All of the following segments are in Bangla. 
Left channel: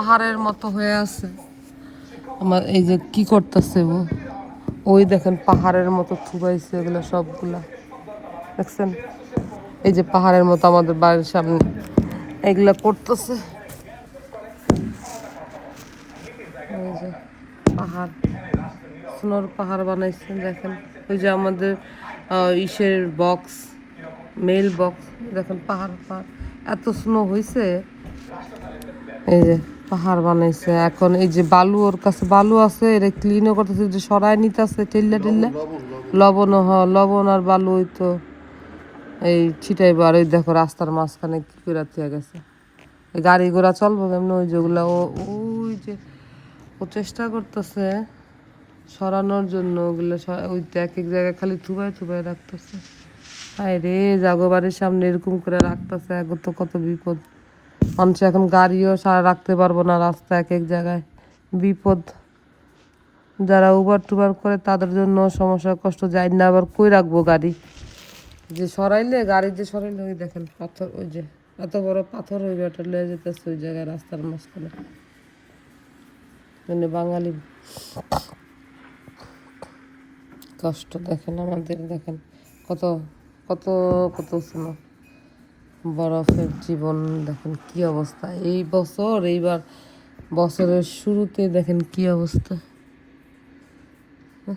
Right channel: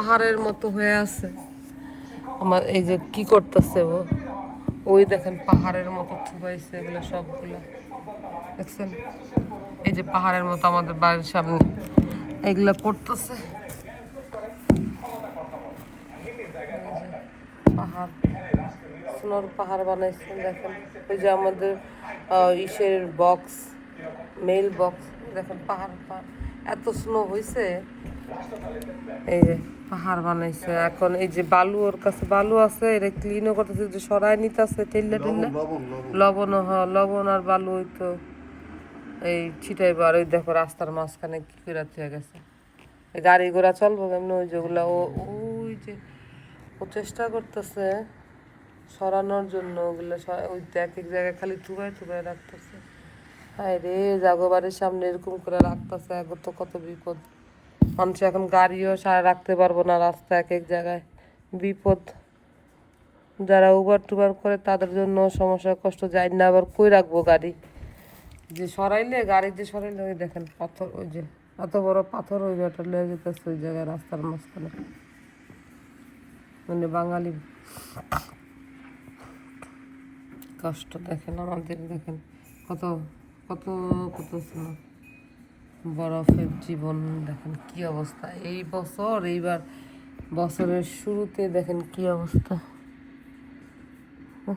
পাহাড়ের মতো হয়ে আছে আমার। এই যে কি করতেছে ও, ওই দেখেন পাহাড়ের মতো থুবাইছে এগুলো সবগুলা, দেখছেন? এই যে পাহাড়ের মতো আমাদের বাড়ির সামনে এগুলা করতেছে। এই যে পাহাড়, স্নোর পাহাড় বানাইছেন দেখেন। এই যে আমাদের ইসের বক্স, মেল বক্স, দেখেন পাহাড় পাহাড় এত স্নো হয়েছে। এই যে পাহাড় বানাইছে। এখন এই যে বালু, ওর কাছে বালু আছে, এটা ক্লিনও করতেছে, যে সরাই নিতেছে টেল্লা টেল্লা। লবণ, লবণ আর বালু ওই তো এই ছিটাইবো। আর ওই দেখো রাস্তার মাঝখানে কি করে থেকে গেছে, গাড়ি ঘোড়া চলবো কেমন? ওই যেগুলো ওই যে ও চেষ্টা করতেছে সরানোর জন্য, ওগুলো ওই তো এক এক জায়গায় খালি থুবাই থুবাই রাখতেছে। হায় রে, জাগো বাড়ির সামনে এরকম করে রাখতেছে, এখন তো কত বিপদ। মানুষ এখন গাড়িও সারা রাখতে পারবো না, রাস্তা এক এক জায়গায় বিপদ। যারা উবার টুবার করে তাদের জন্য সমস্যা, কষ্ট যায় না। আবার কই রাখবো গাড়ি? যে সরাইলে, গাড়ি যে সরাইলে, ওই দেখেন পাথর, ওই যে এত বড় পাথর ওই ব্যাটার লেগে যেতেছে ওই জায়গায় রাস্তার মাঝখানে। মানে বাঙালি কষ্ট দেখেন আমাদের, দেখেন কত কত কত স্নো, বরফের জীবন। দেখেন কি অবস্থা এই বছর, এইবার বছরের শুরুতে দেখেন কি অবস্থা।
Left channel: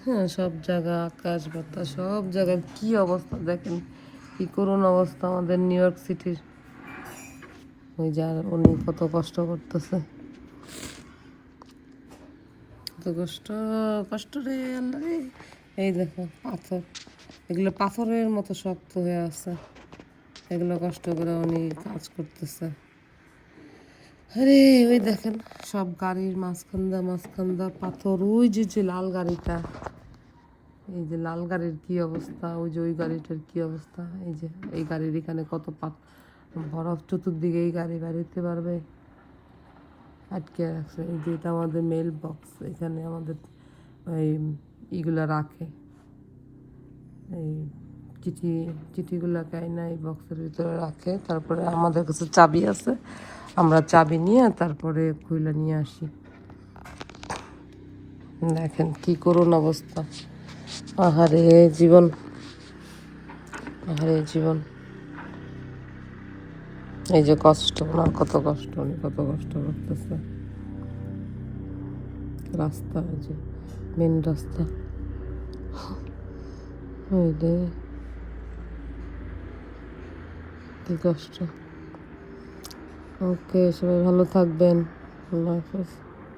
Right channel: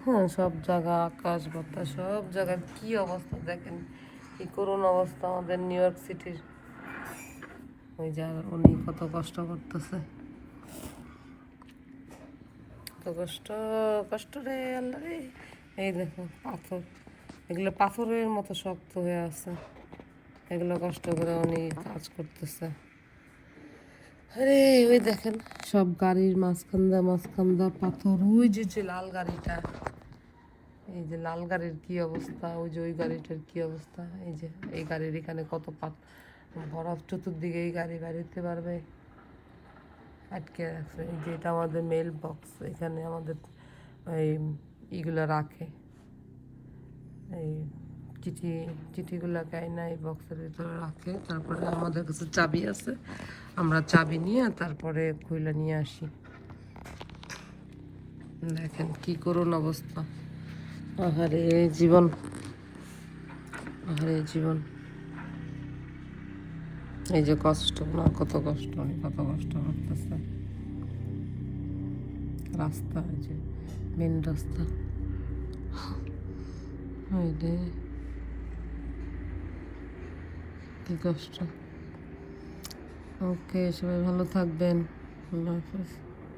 হ্যাঁ, সব জায়গা আকাশ বাতাস সব জায়গার কি অবস্থা দেখেন, কি করুণ অবস্থা আমাদের নিউ ইয়র্ক সিটির। ওই যার উনি কত কষ্ট করতেছে, কত কষ্ট, কষ্ট রে আল্লাহ রে। এই দেখো পাথর, এগুলো পাথরের মতো শক্ত হয়ে আছে, এগুলো কষ্ট করে উনি কাজ করতেছে। আরে ওই দেখেন সব গাড়ির মাঝখান দা পাথর। ওই যে লাল গাড়িটা, এই যে লাল গাড়ির কি অবস্থা, ওই যে ওই গাড়িটার কি অবস্থা। এই যে এই গাড়ির এখানে কত বরফ, চতুর্দিকে এই গাড়ি বাড়িতে পারবে, আটকে রাখছে। এই যে এটা আমাদের মেল বক্স, এখানে আমাদের এই ইগুলো রাখে, এই চিঠিগুলো কাইনা এই বক্সের ভিতরে রাখে। তারপরে আমাদের কাছে চাবি আছে, আমরা চাবি নিয়ে তারপরে খুলে নিয়ে আসি। দেখেন কি করুণ অবস্থা। আহারে জীবন, আহারে জীবন। এই যে কষ্ট, ওনার কত কষ্ট, উনি কত কষ্ট করতেছে। রাস্তা, এই যে মেন রাস্তা, ওই রে কি কষ্ট। ওকে, সবাই ভালো থাকবেন, আল্লাহ হাফেজ।